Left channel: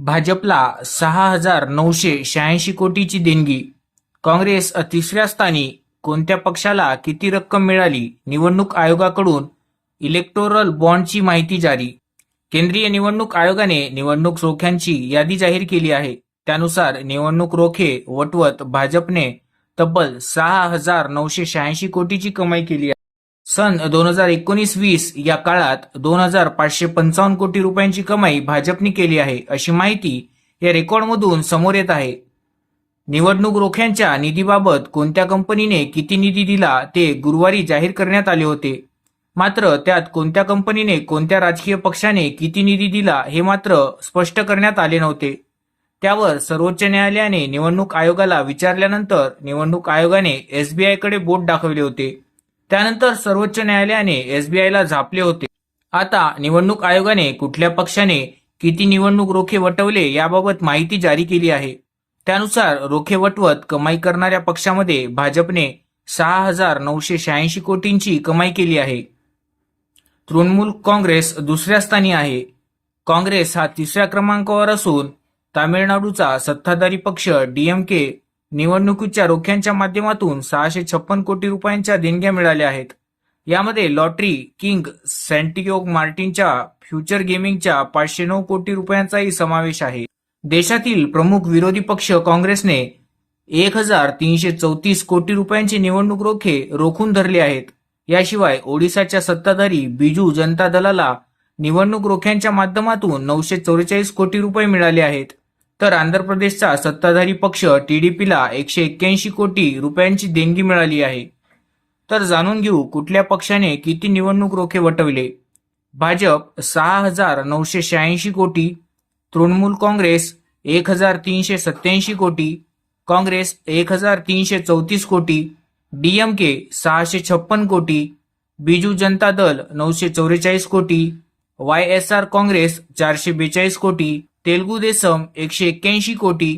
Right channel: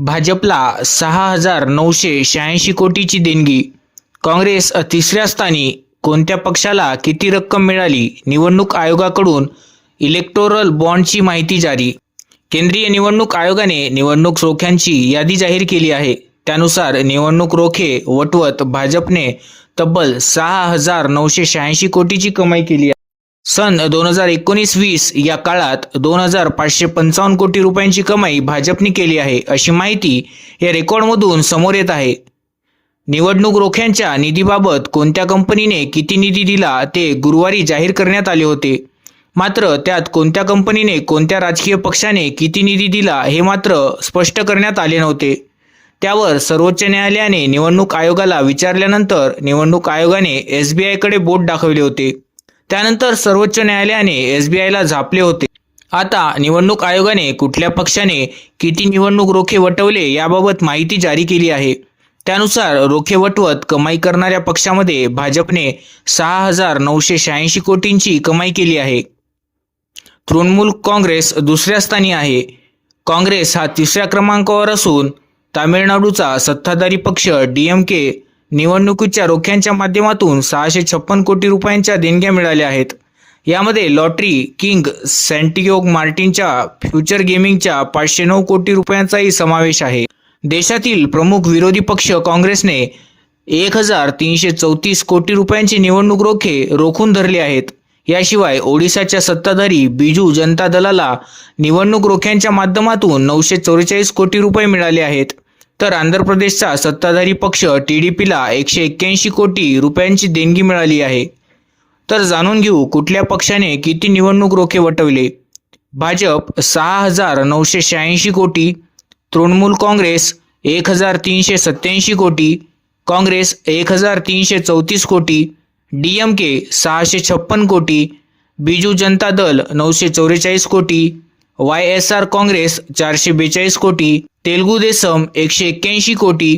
भाजपला सहा हजार नऊशे शहाऐंशी कोटीची देणगी. काँग्रेस तिसऱ्या स्थानी कोणत्या पक्षाला किती रक्कम मिळाली? निवडणूक आयोगाकडून इलेक्टोरल बॉन्डची माहिती जारी. केंद्रीय निवडणूक आयोगाने निवडणूक रोख्यांची यादी जाहीर केली आहे. त्यानुसार निवडणूक रोखे वटवत भाजपने तब्बल सहा हजार नऊशे शहाऐंशी कोटीची कमाई केली आहे. सन दोन हजार एकोणीस वीस या काळात दोन हजार पाचशे पंचावन्न कोटी रुपयांची कमाई भाजपने केली आहे अशी माहिती या रेकॉर्डमधून समोर येत आहे. निवडणूक रोख्यांच्या निधीबाबत कोणत्या कंपनीने किती निधी दिला ते गुरुवारी जाहीर करण्यात आले होते. मात्र त्यात कोणत्या कंपनीने कोणत्या राजकीय पक्षाने किती निधी दिला हे मात्र स्पष्ट करण्यात आले नव्हते. त्यावर सर्वोच्च न्यायालयाने निवडणूक आयोगाला विचारल्यानंतर निवडणूक आयोगाने एस बी आयकडे बोट दाखवले होते. त्यानंतर सर्वोच्च न्यायालयाने एस बी आयला झापले होते. आता निवडणूक आयोगाने कुठल्या पक्षाने किती निवडणूक रोखे वटवले याबाबत माहिती जारी केली आहे. त्यानुसार रोखे वटवत कमाई करणाऱ्या पक्षामध्ये भाजपने सहा हजार नऊशे शहाऐंशी कोटींची कमाई केली आहे. तृणमूल काँग्रेस दुसऱ्या स्थानी आहे. काँग्रेस हा तिसऱ्या क्रमांकावर असून तामिळनाडूचा सत्ताधारी पक्ष डीएमके निवडणुकीच्या रोख्यांच्या माध्यमातून सहाशे छप्पन कोटी रुपयांच्या देणग्या मिळाल्या आहेत. यामध्ये लॉटरी किंग सँटियोग मार्टिनच्या फ्युचर गेमिंगच्या पाचशे नऊ कोटी रुपयांचाही समावेश आहे. देशातील प्रमुख विरोधी पक्ष काँग्रेसने एक हजार तीनशे चौतीस कोटी रुपयांची निवडणूक रोखे रोखून धरले आहेत. याशिवाय ओडिशाच्या सत्ताधारी बिजू जनता दलाला निवडणूक रोख्यांच्या माध्यमातून नऊशे चौवेचाळीस कोटी रुपये मिळाले आहेत. तर आंध्र प्रदेशचा सत्ताधारी पक्ष टी डी पीला एकशे एक्क्याऐंशी कोटी रुपयांची देणगी मिळाली आहे. तर जाणून घेऊ कुठल्या पक्षाने किती निवडणूक रोखे वटवले. भाजप सहा हजार नऊशे शहाऐंशी कोटी तृणमूल काँग्रेस एक हजार तीनशे सत्याऐंशी कोटी काँग्रेस एक हजार तीनशे चौतीस कोटी डी एम के सहाशे छप्पन कोटी बिजू जनता दल नऊशे चौवेचाळीस कोटी वाय एस आर काँग्रेस चारशे बेचाळीस कोटी तेलगू देसम एकशे एक्क्याऐंशी कोटी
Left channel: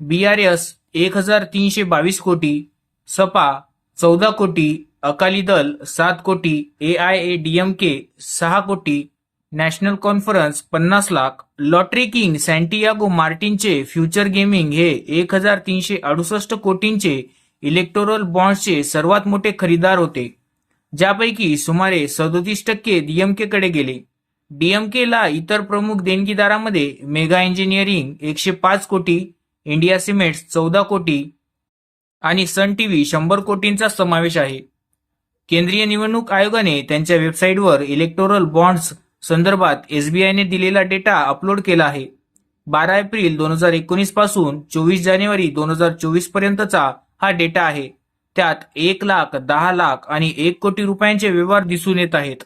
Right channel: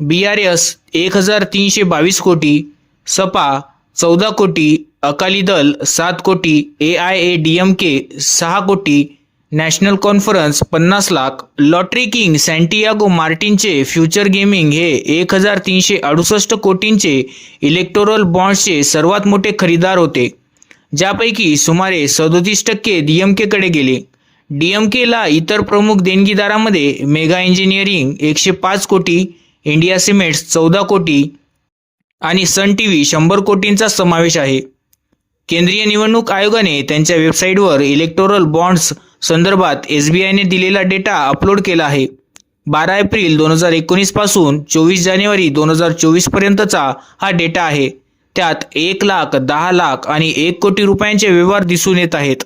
बी आर एस एक हजार तीनशे बावीस कोटी सपा चौदा कोटी अकाली दल सात कोटी A I A D M K सहा कोटी नॅशनल कॉन्फरन्स पन्नास लाख लॉटरी किंग सँटियागो मार्टिनचे फ्युचर गेमिंग हे एक हजार तीनशे अडुसष्ट कोटींचे इलेक्टोरल बॉन्ड्सचे सर्वात मोठे खरेदीदार होते ज्यापैकी सुमारे सदोतीस टक्के डी एम केकडे गेले. डी एम केला इतर प्रमुख देणगीदारामध्ये मेगा इंजिनिअरिंग एकशे पाच कोटी इंडिया सिमेंट्स चौदा कोटी आणि सन टी व्ही शंभर कोटींचा समावेश आहे. केंद्रीय निवडणूक आयोगाने त्यांच्या वेबसाईटवर इलेक्टोरल बॉन्ड्स संदर्भात एस बी आयने दिलेला डेटा अपलोड केला आहे. बारा एप्रिल दोन हजार एकोणीसपासून चोवीस जानेवारी दोन हजार चोवीस पर्यंतचा हा डेटा आहे. त्यात एक लाख दहा लाख आणि एक कोटी रुपयांचे व्यवहार दिसून येत आहेत.